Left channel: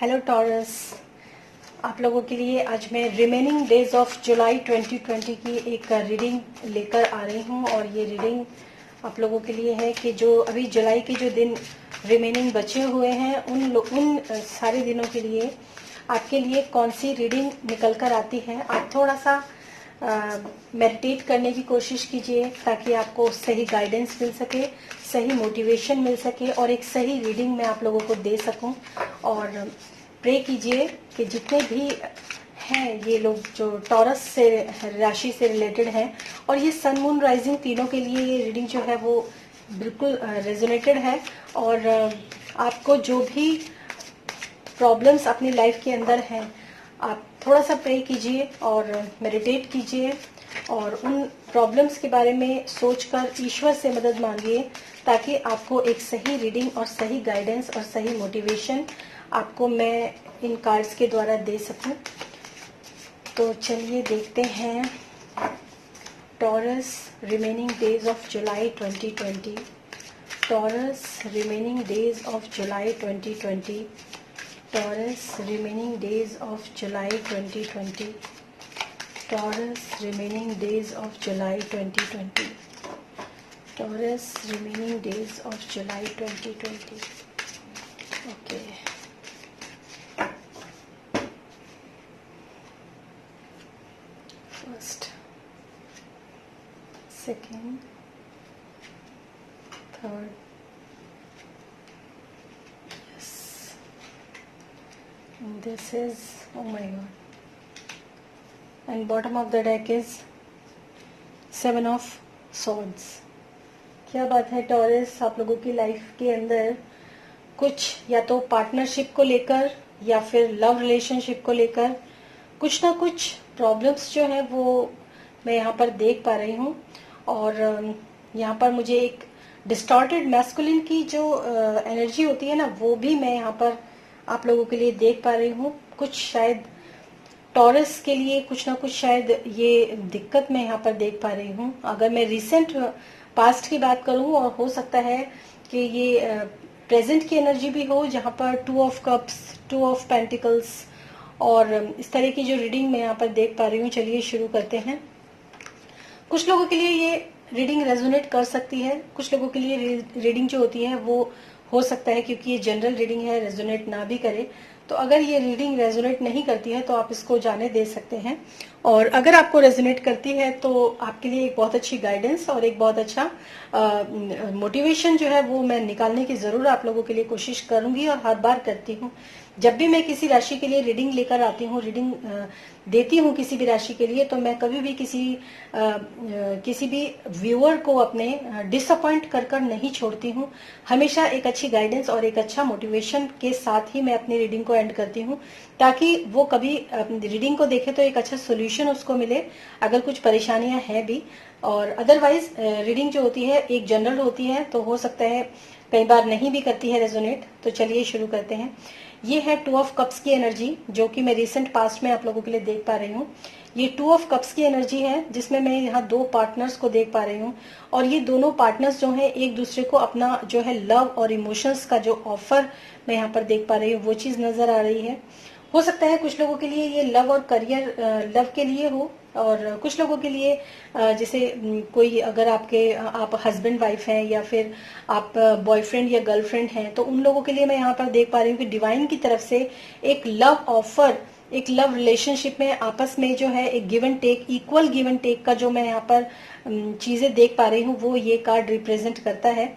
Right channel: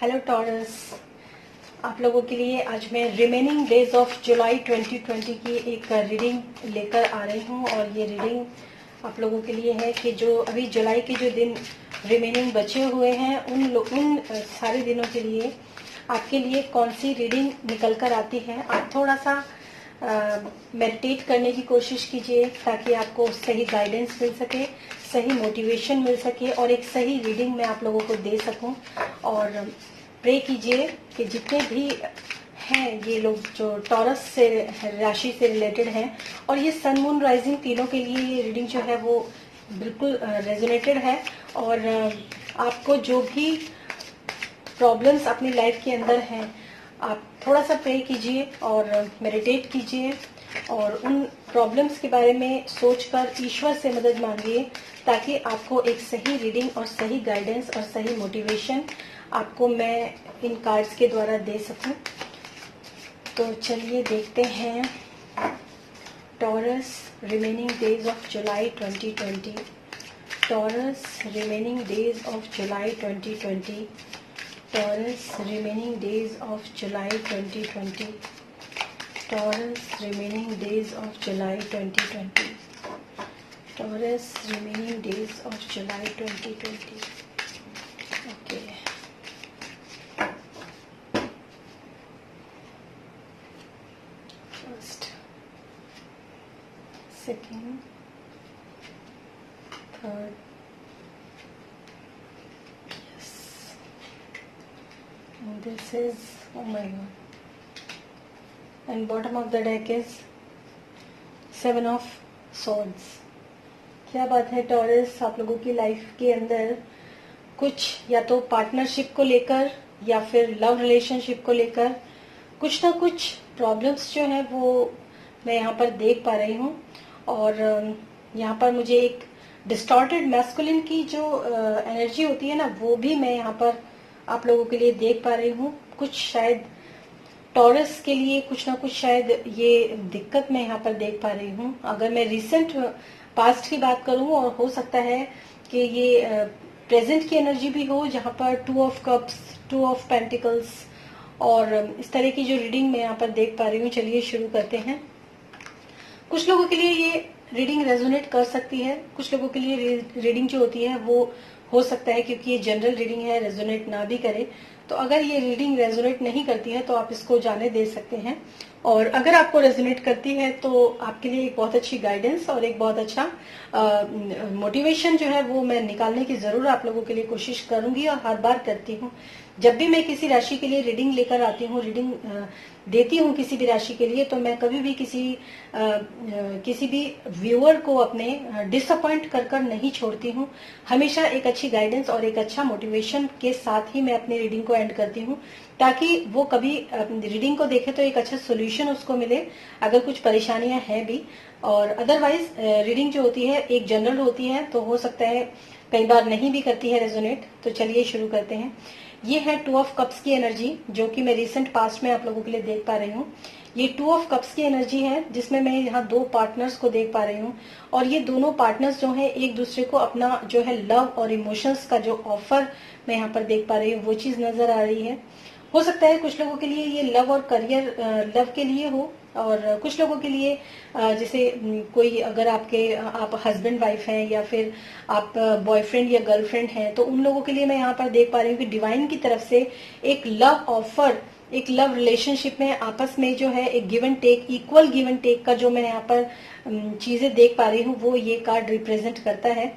Hello taurus, आप लोगों के लिए आज मैं रिमेनिंग डेज ऑफ जुलाई 2020 की एक रीडिंग लेकर आ रही हूँ। और ये रीडिंग आप लोगों के लिए है कि जो अभी जुलाई के जो दिन रिमेनिंग बचे हुए हैं उन सारे दिनों के लिए आपके लिए कौन सी रीडिंग निकल कर आती है। आप थोड़ा सा मेडिटेट करने की कोशिश कीजिए ताकि आपको सही गाइडेंस मिल सके, सही मोटिवेशन मिल सके और एक सही रीडिंग मैं आप लोगों को दे सकूं। और प्रे कीजिए कि जितने भी हैं ये लोग जो टॉरस से राशि से रिलेटेड हैं और ये सन मून राइजिंग तीनों के लिए ये रीडिंग जो है वो बिल्कुल रेजोनेटेड है। और आपको जो भी प्रॉब्लम्स अपनी लाइफ के अंदर हैं आप थोड़ा सा प्रे कीजिए और मेडिटेट कीजिए और उन प्रॉब्लम्स के बारे में सोचकर ईश्वर से मदद मांगिए ताकि आपको एक सही रीडिंग और सही गाइडेंस और सही मोटिवेशन आपको मैं इन कार्ड्स के द्वारा दे सकूं। तो चलिए देखते हैं taurus remaining days of July 2020। Taurus remaining days of July 2020। Taurus remaining days of July 2020. Taurus remaining days of July 2020. Taurus remaining days of July 2020. Okay. First, second, third. This is, oh my god, and bottom of the deck is 7 of swords. क्या बात है taurus, आप लोगों की life के अंदर कुछ या तो पार्टनरशिप को लेकर या फिर लव रिलेशनशिप को लेकर कुछ ना कुछ प्रॉब्लम्स जो है वो मैं यहाँ पर देख पा रही हूँ। और यहाँ पर मुझे एक डिस्टॉर्टेड मैस्कुलिन की जो एनर्जी होती है ना वो भी मैं यहाँ पर आप लोगों के लिए देख पा रही हूँ। कुछ शायद टॉरस के लिए कुछ ना कुछ शायद ये दिक्कत मैं यहाँ पर देख पा रही हूँ। अगर मैं रिसेंट पास्ट की बात करूँ और हो सकता है कि ये प्रेजेंट की एनर्जी भी हो जहाँ पर 2 ऑफ कप्स, 2 ऑफ पेंटिकल्स और इस तरह की जो रीडिंग मैं यहाँ पर देख पा रही हूँ। चलिए शुरू करते हैं। कुछ लोगों के लिए ये रीडिंग रेजोनेट कर सकती है, कुछ लोगों के लिए रीडिंग जो होती है वो हो सकता है क्योंकि ये जनरल रीडिंग है रेजोनेट ना भी करे। तो अगर ये रीडिंग रेजोनेट नहीं करती है तो आप इसको जाने दे सकते हैं। और अगर आपको रेजोनेट करती है तो आपके लिए एक बहुत अच्छी गाइडेंस और एक बहुत अच्छा मोटिवेशन जो है वो मैं निकालने की जरूर आप लोगों के लिए कोशिश करूंगी और हर बार करती हूँ। जब भी मैं किसी राशि के लिए रीडिंग लेकर आती हूँ, रीडिंग देती हूँ किसी भी राशि के लिए, तो मैं कभी भी किसी भी व्यूअर को अपने डिसअपॉइंट कर नहीं छोड़ती हूँ। हमेशा एक अच्छी गाइडेंस और एक अच्छा मोटिवेशन के साथ ही मैं अपनी रीडिंग को एंड करती हूँ ताकि वो कभी रीडिंग को देखे तो एक अच्छा सोल्यूशन उसको मिले अगर कुछ परेशानियां हैं भी। और अदरवाइज रीडिंग जो होती है एक जनरल होती है तो हो सकता है कई बार नहीं भी करती है रेजोनेट। तो चलिए शुरू करते हैं। ये है 2 ऑफ कप्स की एनर्जी जो कि मैं रिसेंट पास्ट में आप लोगों के लिए देख पा रही हूँ। ये 2 ऑफ कप्स की एनर्जी है जिसमें मैं यहाँ 2 पार्टनर्स को देख पा रही हूँ और ये दोनों पार्टनर्स जो हैं एक दूसरे को अपना जो है लव और इमोशंस का जो ऑफर मैं यहाँ पर देख पा रही हूँ वो चीज नजर आ रही है। हो सकता है कुछ लोगों के लिए ये लव और करियर लव के लिए हो और कुछ लोगों के लिए जैसे कोई अगर आप हस्बैंड वाइफ हैं या फिर आप बॉयफ्रेंड या गर्लफ्रेंड हैं तो उन लोगों के लिए मैं यहाँ पर देख पा रही हूँ कि डिवाइन की तरफ से एक लव ऑफर, एक लव रिलेशनशिप में आपस में जो है एक give and take, equal give and take का जो मैं यहाँ पर चीजें देख पा रही हूँ वो ये कार्ड रिप्रेजेंट करता है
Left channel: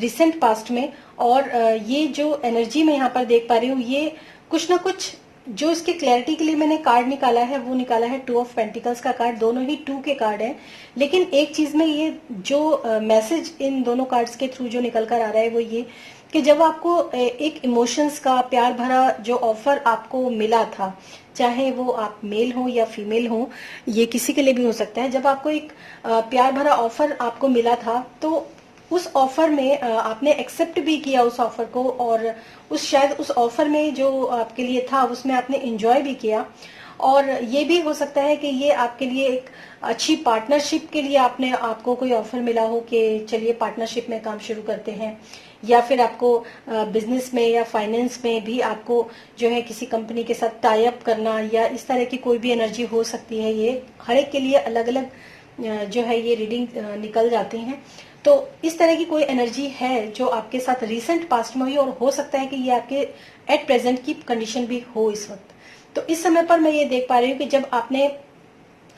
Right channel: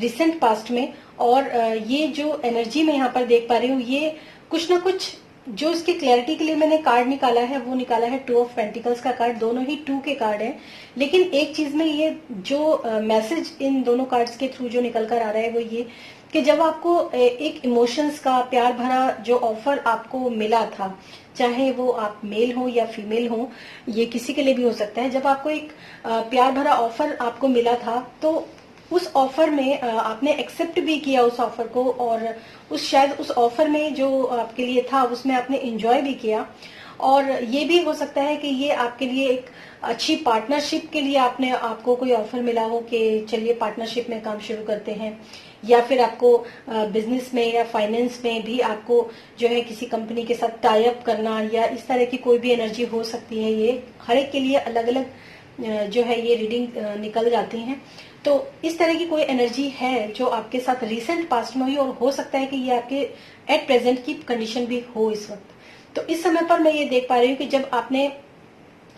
रिसेंट पास्ट में। और ये जो एनर्जी मैं यहाँ पर देख पा रही हूँ ये कुछ ना कुछ जो इसकी क्लैरिटी के लिए मैंने कार्ड निकाला है वो निकाला है 2 ऑफ पेंटिकल्स का कार्ड। दोनों ही 2 के कार्ड हैं लेकिन एक चीज में ये जो मैसेज इन दोनों कार्ड्स के थ्रू जो निकल कर आ रहा है वो ये कि जब आपको एक इमोशंस का प्यार भरा जो ऑफर आपको मिला था, चाहे वो आप मेल हो या फीमेल हो, ये किसी के लिए भी हो सकता है। जब आपको एक प्यार भरा ऑफर आपको मिला था तो उस ऑफर में आपने एक्सेप्ट भी किया उस ऑफर को और शायद उस ऑफर में जो आपके लिए था उसमें आपने एंजॉय भी किया। और ये भी हो सकता है कि ये आपके लिए एक अच्छी पार्टनरशिप के लिए आपको कोई ऑफर मिला हो कि चलिए पार्टनरशिप में काम शुरू करते हैं, या फिर आपको बिजनेस में या फाइनेंस में भी आपको जो है किसी कंपनी के साथ टाई अप करना, या इस तरह की कोई भी एनर्जी हो सकती है। ये हर एक के लिए अलग अलग जो है ये रीडिंग निकल जाती हैं। तो इस तरह की कोई एनर्जी है जो आपके साथ रिसेंट पास्ट में हुई, और हो सकता है कि ये आपके एट प्रेजेंट की कंडीशन भी हो इस वक्त। तो इस समय पर मैं ये देख पा रही हूँ कि जब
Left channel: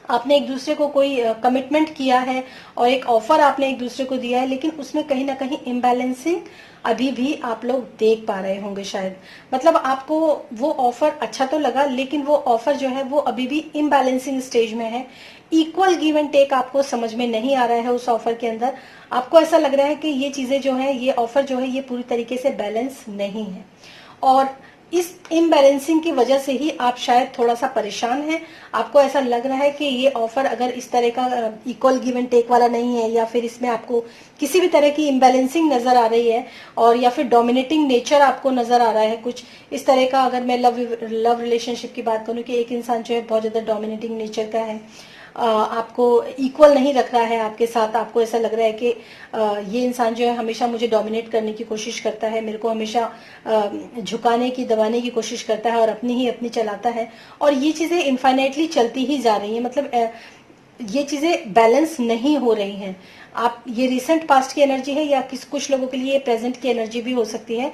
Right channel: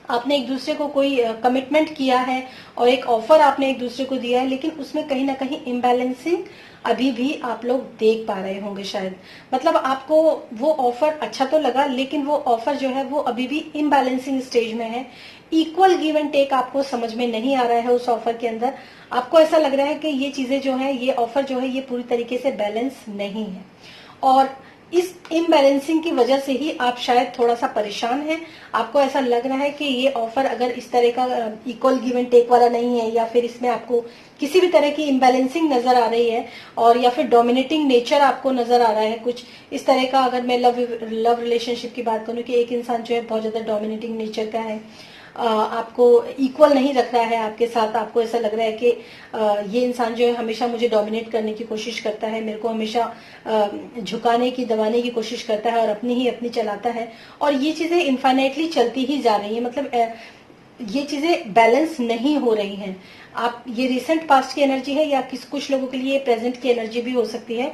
आपने एक दूसरे को कोई कमिटमेंट किया है और एक ऑफर आपने एक दूसरे को दिया है, लेकिन उसमें कहीं ना कहीं इम्बैलेंसिंग अभी भी आप लोग देख पा रहे होंगे शायद। मतलब आपको वो ऑफर अच्छा तो लगा, लेकिन वो ऑफर जो है वो अभी भी इम्बैलेंसिंग स्टेज में है। इक्वल गिव एंड टेक आपको समझ में नहीं आ रहा है उस ऑफर के अंदर। आपको ऐसा लग रहा है कि ये चीजें जो है, ये ऑफर जो है, ये पूरी तरीके से बैलेंस नहीं है, और इस इम्बैलेंसिंग की वजह से ही आप शायद थोड़ा सा परेशान हैं। आपको ऐसा लग रहा है कि ये ऑफर अगर इस तरह का इक्वल गिव एंड टेक वाला नहीं है, या फिर इसमें आपको किसी भी तरह की इम्बैलेंसिंग नजर आ रही है, और या फिर डोमिनेटिंग नेचर आपको नजर आ रहा है कुछ इस तरह का। अगर मैं लव रिलेशनशिप की बात करूं कि एक इंसान जो है बहुत ज्यादा डोमिनेटिंग नेचर का है, आपको इक्वल नहीं रख रहा है आपके साथ, आपको ऐसा लग रहा है कि ये इंसान जो है हमेशा मुझे डोमिनेट करने की कोशिश करता है, मेरे को हमेशा झुकाने की, दबाने की कोशिश करता है, और अपनी ही अपनी चलाता है, और ये चीजें इनफाइनाइटली चलती ही जा रही है। मतलब ये चीजें बैलेंस नहीं हो रही हैं। आप ये रिसेंट पास्ट की एनर्जी है, या कुछ लोगों के लिए प्रेजेंट की एनर्जी भी हो सकती है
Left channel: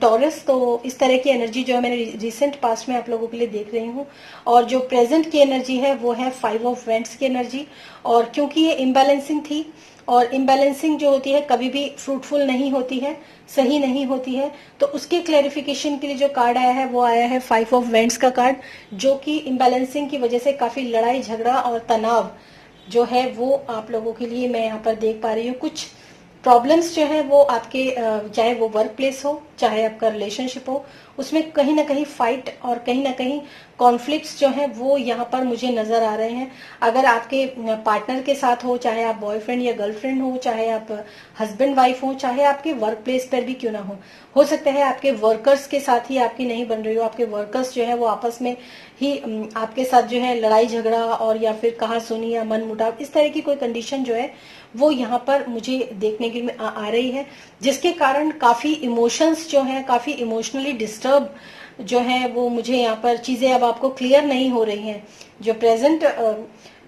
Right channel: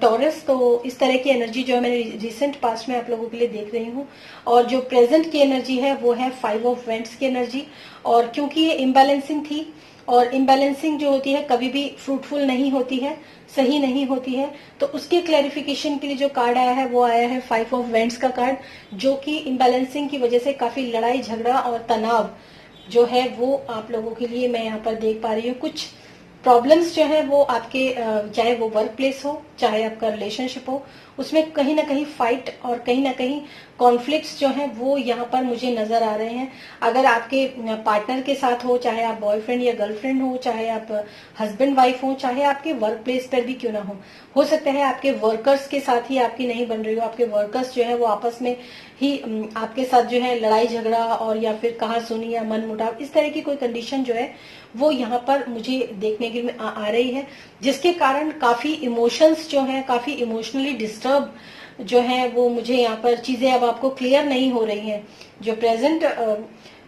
टॉरस। तो इस तरह की एनर्जी जो है मैंने रिसेंट पास्ट में आप लोगों के लिए देख रही हूँ। और जो प्रेजेंट की एनर्जी है वो है 5 ऑफ वेंट्स की एनर्जी। और क्योंकि ये इम्बैलेंसिंग थी, और इम्बैलेंसिंग जो होती है कभी भी फ्रूटफुल नहीं होती है, सही नहीं होती है, तो उसके क्लैरिफिकेशन के लिए जो कार्ड आया है वो आया है 5 ऑफ वेंट्स का कार्ड, जो कि इम्बैलेंसिंग की वजह से काफी लड़ाई झगड़ा और तनाव जो है वो आप लोगों के लिए मैं यहाँ पर देख पा रही हूँ। कुछ प्रॉब्लम्स जो है वो आपके चाहे वो वर्क प्लेस हो, चाहे आपका रिलेशनशिप हो, उसमें कहीं ना कहीं फाइट और कहीं ना कहीं कॉन्फ्लिक्ट्स जो है वो यहाँ पर मुझे नजर आ रहे हैं। अगर आपके पार्टनर के साथ हो, चाहे आप बॉयफ्रेंड या गर्लफ्रेंड हो, चाहे आप हस्बैंड वाइफ हो, चाहे आपके वर्क प्लेस पर भी क्यों ना हो सकता है आपके वर्कर्स के साथ ही आपकी नहीं बन रही हो, आपके वर्कर्स जो है वो आपस में ही आपके साथ जो है लड़ाई झगड़ा और या फिर कहा सुनी या मन मुटाव, इस तरह की कोई कंडीशन जो है वो यहाँ पर मुझे देखने के लिए आ रही है, जिसके कारण काफी इमोशंस जो है, काफी इमोशनली डिस्टर्ब जो है वो मुझे यहाँ पर चीजें अब आपको क्लियर नहीं हो रही हैं। जो प्रेजेंट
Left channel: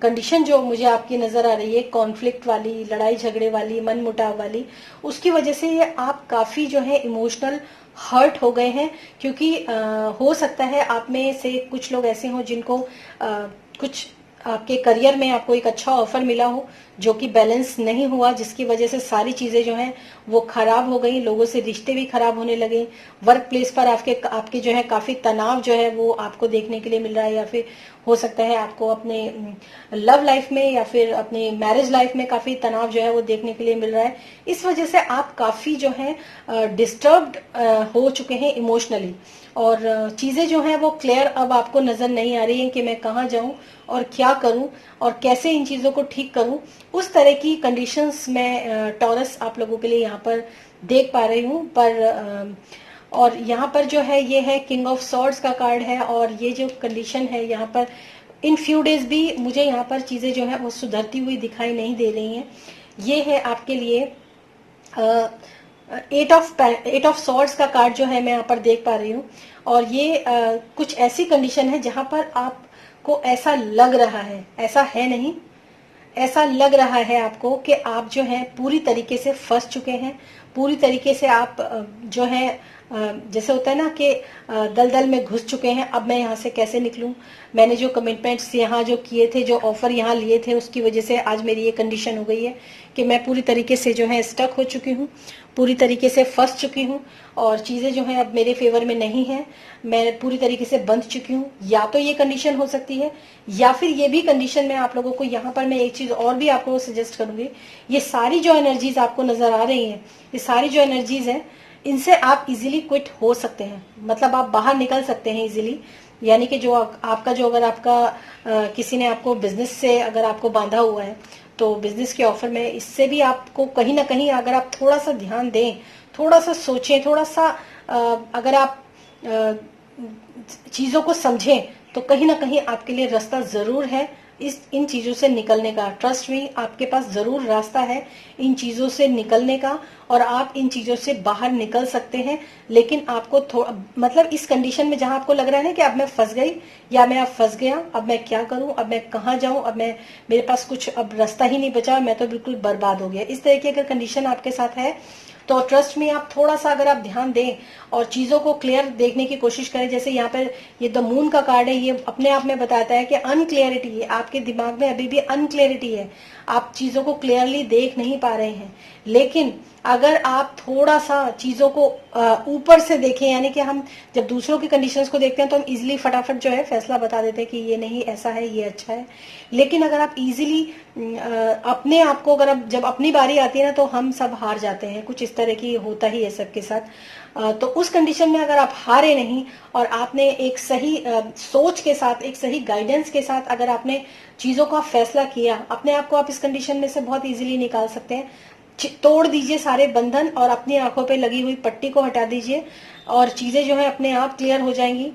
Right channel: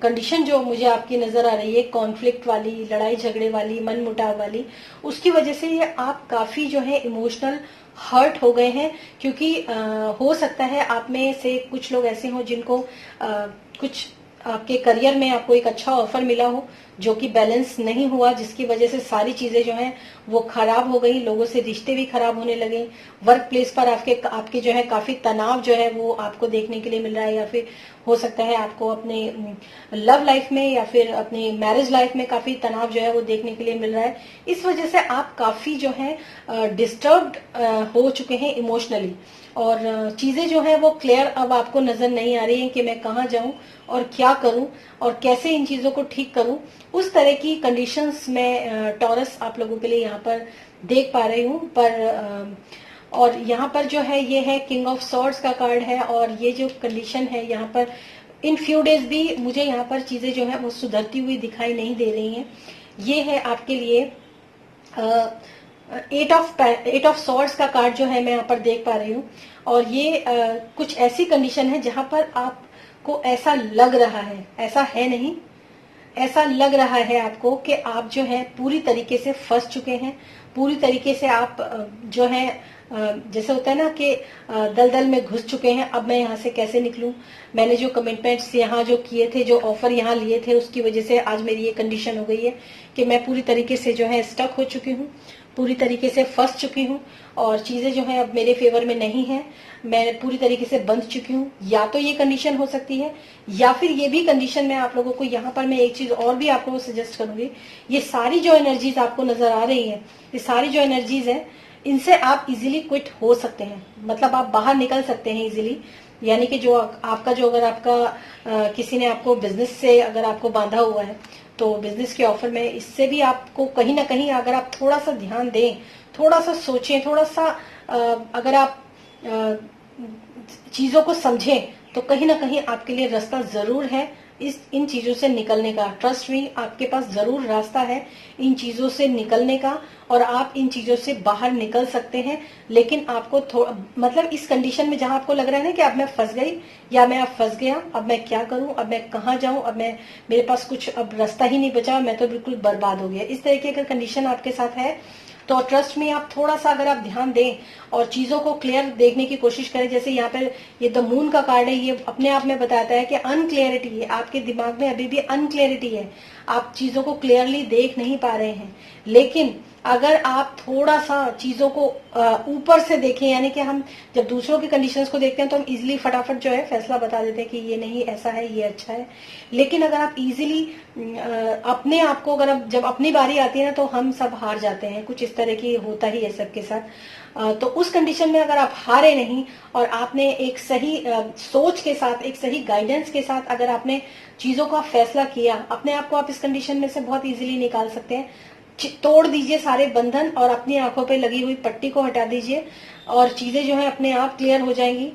कंडीशन जो मुझे आपकी नजर आ रही है, कॉन्फ्लिक्ट वाली, लड़ाई झगड़े वाली, मन मुटाव वाली, उसकी वजह से ये आप काफी जो है इमोशनल हर्ट हो गए हैं। क्योंकि हो सकता है आप में से कुछ लोग ऐसे हों जिनको कुछ आपके करियर में आपको एक अच्छा ऑफर मिला हो जो कि बैलेंस नहीं हुआ, जिसकी वजह से सारी चीजें जो हैं वो खराब हो गई, लोगों से रिश्ते भी खराब होने लगे। वर्क प्लेस पर आपके जो है काफी तनाव जो है वो आपको देखने के लिए मिल रहा है, या फिर हो सकता है आपको अपने लव लाइफ में या फिर अपनी मैरिज लाइफ में काफी तनाव जो है वो देखने के लिए मिल रहा है। इस वजह से आप काफी जो है डिस्टर्ब्ड हो चुके हैं इमोशनली, और चीजें जो है वो क्लियर अब आपको नजर नहीं आ रही है कि मैं कहाँ जाऊं और क्या करूं और कैसे इन चीजों को ठीक करूं। उस तरह की कंडीशंस में टॉरस आप लोगों के लिए यहाँ पर देख पा रही हूँ। पर और यहाँ पर जो है ये है किंग ऑफ सॉर्ड्स का कार्ड है, और ये जो कंडीशन है यहाँ पर इन फ्यू डेज भी मुझे यहाँ पर चीजें जो है वो सुधरती हुई दिखाई नहीं दे रही हैं। ये है आपके लिए एट ऑफ सॉर्ड्स का कार्ड जो है मैं यहाँ पर देख पा रही हूँ। और ये कुछ ऐसी कंडीशन है जहां पर आपको ऐसा लग रहा है, ऐसा है नहीं, ऐसा लग रहा है आपको कि आप जो है पूरी तरीके से फंस चुके हैं, पूरी तरीके से आप जो है जैसे होता है ना कि दलदल में घुस चुके हैं। अब मैं यहाँ से कैसे निकलूं, मैंने जो कमिटमेंट्स यहाँ जो किए थे, जो ऑफर यहाँ लिए थे, उसकी वजह से आज मेरी ये कंडीशन हो गई है कि मैं पूरी तरीके से जो है स्टक हो चुकी हूँ, पूरी तरीके से फंस चुकी हूँ, और चीजें जो है अब मेरे फेवर में नहीं है, मैं पूरी तरीके से बंध चुकी हूँ। या तो ये कंडीशन हो सकती है, या फिर ये भी कंडीशन में आप लोगों को यहाँ पर मैं एक चीज और भी आप लोगों को सजेस्ट करूंगी। ये सारी जो एनर्जीज आपको नजर आ रही हैं, ये सारी जो एनर्जीज हैं, इनसे आप इजीली क्विट हो सकते हैं, मतलब आप बाहर निकल सकते हैं इजीली। यानी कि जो आपका जो अगर आपका किसी ने आपको बिजनेस से अगर आपको बांधा हुआ है, तो बिजनेस के ऑफर में इससे भी आपको कहीं ना कहीं अगर आप थोड़ा सा ध्यान दें, थोड़ा सा सोचें, थोड़ा सा अगर आप चीजों को समझें, तो कहीं ना कहीं आपके लिए रास्ता जरूर है इन चीजों से निकलने का। ट्रस्ट मी, आपके पास जरूर रास्ता है इन चीजों से निकलने का और आप इन चीजों से बाहर निकल सकते हैं। लेकिन आपको मतलब इस कंडीशन में जहां आपको लग रहा है ना कि अब मैं फंस गई या मैं अब फंस गया, अब मैं क्या करूं, अब मैं कहाँ जाऊं, अब मैं मेरे पास कुछ अब रास्ता ही नहीं बचा, मैं तो बिल्कुल बर्बाद हो गया, इस तरह की अगर कंडीशन आपके साथ है तो ट्रस्ट में आप थोड़ा सा अगर आप ध्यान दें और चीजों को क्लियर देखने की कोशिश करें। जैसे यहाँ पर ये द मून का कार्ड है, ये अपने आप में बताता है कि अनक्लियरिटी है, आपके दिमाग में अभी भी अनक्लियरिटी है, आप चीजों को क्लियरली देख नहीं पा रहे हैं। लेकिन अगर आप थोड़ा सा चीजों को ऊपर से देखें, यानी कि हम जब दूसरों की कंडीशंस को देखते हैं तो हम इजीली फटाफट जो है फैसला बता देते हैं कि ये नहीं, ऐसा है, ये अच्छा है। लेकिन अगर आप इजीली अपने आप को, अगर जब अपनी बारी आती है ना तो हम सब हार जाते हैं, कुछ इस तरह की होता ही है सबके साथ। तो उस कंडीशन में अगर आप हारे नहीं और आपने एक सही सोच के साथ, एक सही गाइडेंस के साथ अगर आपने चीजों का फैसला किया, अपने आप को आप इस कंडीशन में से बहुत इजीली निकाल सकते हैं। तोड़ दीजिए सारे बंधन और अपनी आंखों पे लगी हुई पट्टी को हटा दीजिए और चीजें जो है अपने आप क्लियर हो जाएंगी।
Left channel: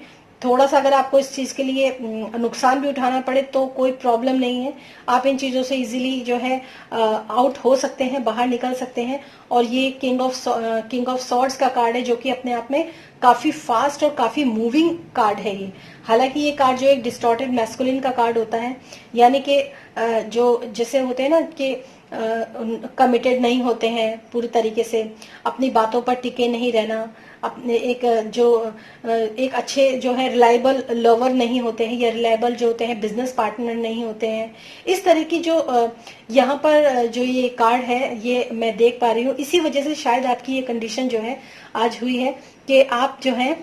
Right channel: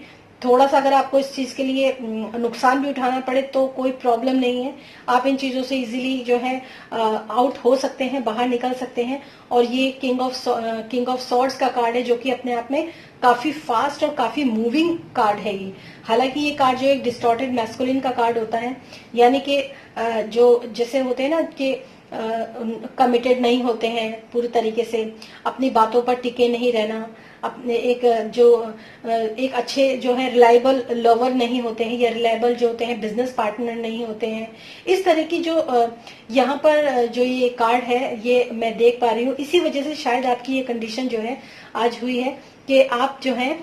थोड़ा सा अगर आपको इस चीज के लिए नुकसान भी उठाना पड़े तो कोई प्रॉब्लम नहीं है, आप इन चीजों से इजीली जो है आउट हो सकते हैं, बाहर निकल सकते हैं। और ये किंग ऑफ सॉर्ड्स का कार्ड है जो कि अपने आप में काफी फास्ट और काफी मूविंग कार्ड है ये। हालांकि ये कार्ड जो एक डिस्टॉर्टेड मैस्कुलिन का कार्ड होता है, यानी कि जो जैसे होते हैं ना कि कमिटेड नहीं होते हैं पूरी तरीके से, अपनी बातों पर टिके नहीं रहना, अपने एक अच्छे जो है रिलायबल लवर नहीं होते हैं या रिलायबल जो होते हैं बिजनेस पार्टनर नहीं होते हैं। इस तरह की जो यहाँ पर जो ये कार्ड है ये मैं देख पा रही हूँ, इसी वजह से शायद आपकी ये कंडीशन जो है आज हुई है कि आप जो है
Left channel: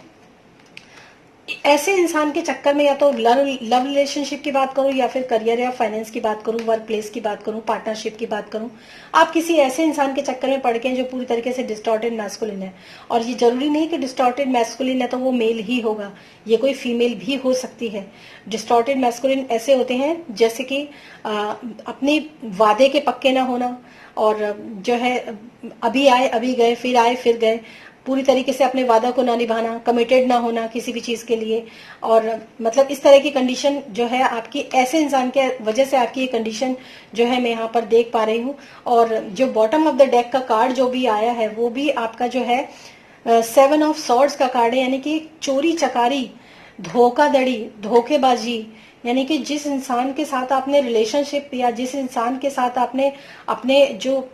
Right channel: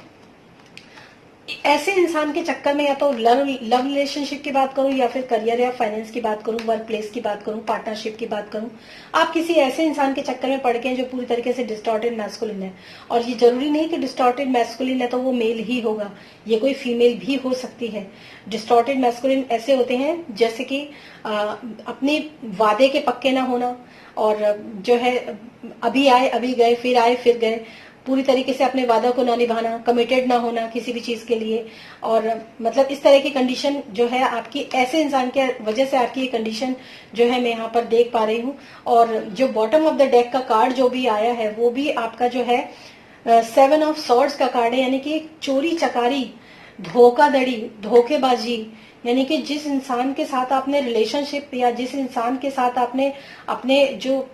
ऐसे इंसान के चक्कर में, या तो लव रिलेशनशिप की बात करूं या फिर करियर या फाइनेंस की बात करूं, वर्क प्लेस की बात करूं, पार्टनरशिप की बात करूं, आप किसी ऐसे इंसान के चक्कर में पड़ गए जो पूरी तरीके से डिस्टॉर्टेड मैस्कुलिन है। और ये जरूरी नहीं कि डिस्टॉर्टेड मैस्कुलिन है तो वो मेल ही होगा, ये कोई फीमेल भी हो सकती है। डिस्टॉर्टेड मैस्कुलिन ऐसे होते हैं जैसे कि अपने वादे के पक्के ना होना, और जो है अभी आए अभी गए, फिर आए फिर गए, पूरी तरीके से अपने वादा को ना निभाना, कमिटेड ना होना किसी भी चीज के लिए। और मतलब इस तरह की कंडीशन जो है आपकी, ऐसे इंसान के वजह से आपकी ये कंडीशन जो है मैं यहाँ पर देख पा रही हूँ। और जो बॉटम ऑफ द डेक का कार्ड जो भी आया है वो भी आपका जो है 7 ऑफ सॉर्ड्स का कार्ड है, यानी कि चोरी चकारी, धोखाधड़ी, धोखेबाजी। यानी कि जिस इंसान के साथ आपने रिलेशनशिप या जिस इंसान के साथ आपने अपने जो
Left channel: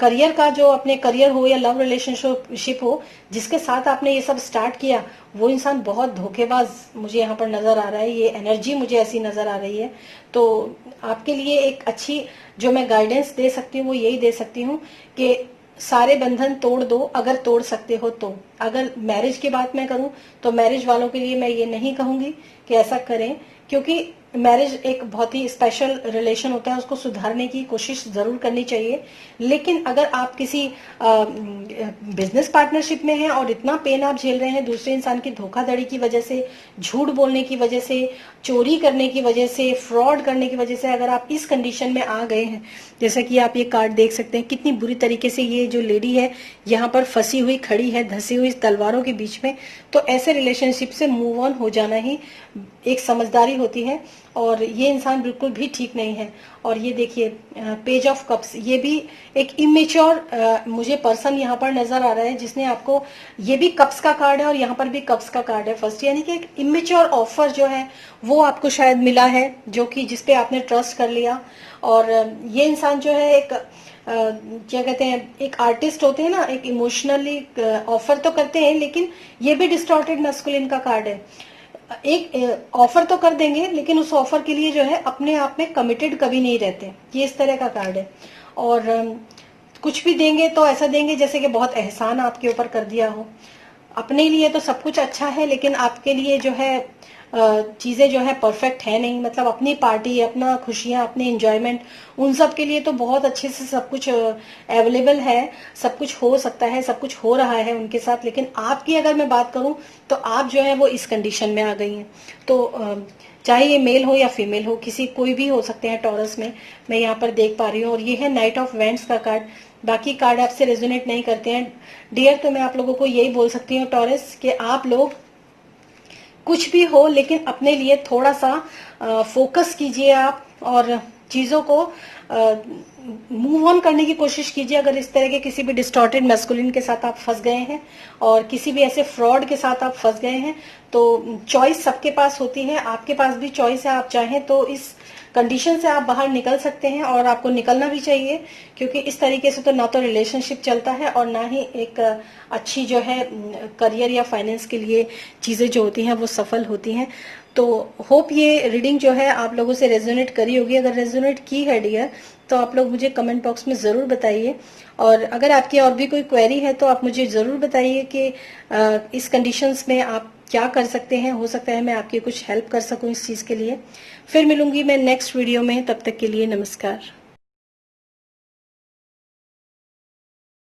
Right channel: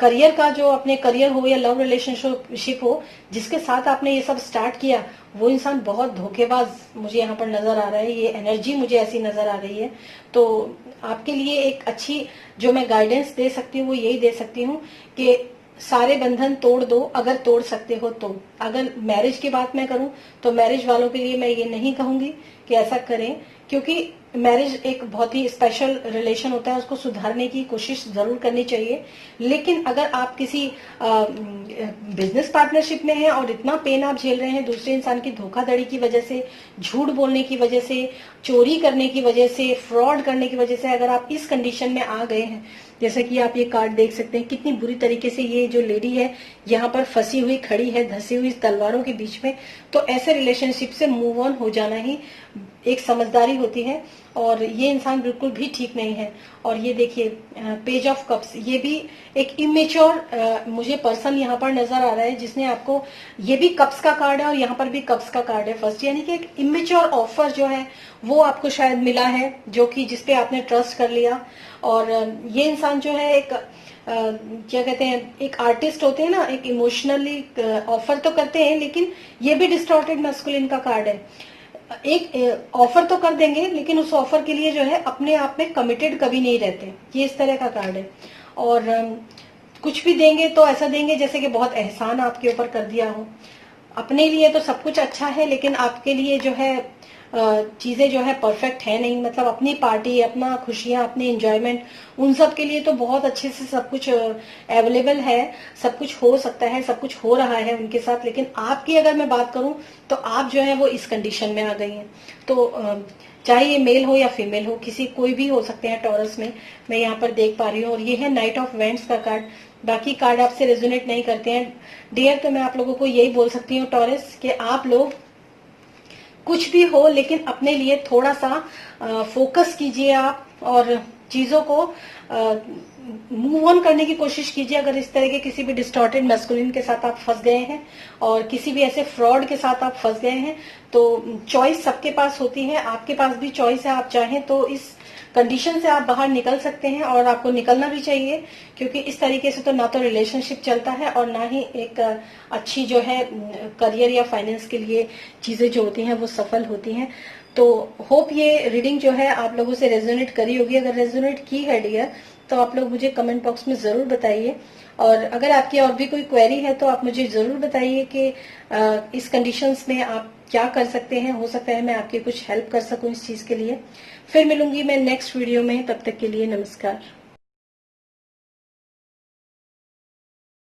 करियर का, जो अपने करियर हो या लव रिलेशनशिप हो, जिसके साथ आपने ये सब स्टार्ट किया, वो इंसान बहुत धोखेबाज मुझे यहाँ पर नजर आ रहा है, ये एनर्जी मुझे ऐसी नजर आ रही है। तो आपके लिए एक अच्छी जो मैं गाइडेंस दे सकती हूँ वो यही दे सकती हूँ कि सारे बंधन तोड़ दो अगर तोड़ सकते हो तो। अगर मैरिज की बात मैं करूं तो मैरिज वालों के लिए मैं ये नहीं कहूंगी कि ऐसा करें, क्योंकि मैरिज एक बहुत ही स्पेशल रिलेशन होता है, उसको सुधारने की कोशिश जरूर करनी चाहिए। लेकिन अगर आप किसी बिजनेस पार्टनरशिप में हैं और इतना पेन आप झेल रहे हैं दूसरे इंसान की धोखाधड़ी की वजह से, झूठ बोलने की वजह से, चोरी करने की वजह से, फ्रॉड करने की वजह से, अगर आप इस कंडीशन में आ गए हैं, जैसा कि आप ये कार्ड देख सकते हैं कितनी बुरी तरीके से ये जो लेडी है यहाँ पर फंसी हुई खड़ी है, धसी हुई तलवारों के बीच में, तो ऐसे रिलेशनशिप से मूव ऑन हो जाना ही एक समझदारी होती है। और ये इंसान बिल्कुल भी ठीक नहीं है। और ये देखिए पेज ऑफ कप्स, ये भी एक इमेच्योर मुझे पर्सन यहाँ पर नजर आ रहा है, जिसने आपको, ये भी कप्स का कार्ड है और यहाँ पर भी कप्स का कार्ड है फर्स्ट, यानी कि एक इमेच्योर ऑफर जो है वो आपको शायद मिला है, जो कि जिसपे आपने ट्रस्ट कर लिया। और ये इंसान जो है एक क्या कहते हैं, एक आर्टिस्ट होते हैं ना, एक इमोशनली ऑफर तो करते हैं, लेकिन ये भी डिस्टॉर्टेड मैस्कुलिन का कार्ड है। एक ऑफर तो कर देंगे लेकिन उस ऑफर के लिए जो है अपने आप में कमिटेड कभी नहीं रहते, ये इस तरह का कार्ड है। और कुछ भी देंगे तो ऐसा देंगे जैसे कि बहुत एहसान आपके ऊपर कर दिया हो। अपने लिए तो सब कुछ अच्छा है लेकिन आपके लिए जो है चीजें जो है परफेक्ट है नहीं, मतलब अपनी पार्टी, अपना खुशियां, अपने एंजॉयमेंट, उन सब के लिए तो बहुत अच्छे से सब कुछ अवेलेबल है, सब कुछ हो सकता है, सब कुछ हो रहा है उनके साथ। लेकिन आपकी अगर मैं बात करूं तो आप जो है वो इस कंडीशन में आ गई हैं। तो चाहे ये मेल हो या फीमेल हो, किसी कोई भी हो सकते हैं टॉरस में, मैं यहाँ पर देख पा रही हूँ। और ये है नाइट ऑफ वेंट्स का कार्ड। बाकी कार्ड आपसे रेजोनेट नहीं करते हैं डियर, तो मैं आप लोगों को यही बोल सकती हूँ टॉरस कि आप लोग कुछ भी हो, लेकिन अपने लिए थोड़ा सा फोकस कीजिए आप और चीजों को मूव ऑन करने की कोशिश कीजिए। अगर इस तरह के किसी भी डिस्टॉर्टेड मैस्कुलिन के साथ आप फंस गए हैं और किसी भी ऐसे फ्रॉड के साथ आप फंस गए हैं, तो चॉइस सबके पास होती है, आपके पास भी चॉइस है। आप चाहें तो इस कंडीशन से आप बाहर निकल सकते हैं और आपको निकलना भी चाहिए, क्योंकि इस तरीके से तो ना तो रिलेशनशिप चलता है और ना ही एक अच्छी जो है करियर या फाइनेंस के लिए चीजें जो होती हैं वो सफल होती हैं। तो होप ये रीडिंग जो है आप लोगों से रेजोनेट करी होगी। अगर रेजोनेट की है डियर, तो आप लोग मुझे कमेंट बॉक्स में जरूर बताइए, और अगर आपकी और भी कोई क्वेरी है तो आप मुझे जरूर बताइए कि इस कंडीशंस में आप क्या कर सकते हैं। हो सकता है मैं आपकी कुछ हेल्प कर सकूं इस चीज के लिए। फिर मिलूंगी मैं नेक्स्ट वीडियो में, तब तक के लिए नमस्कार।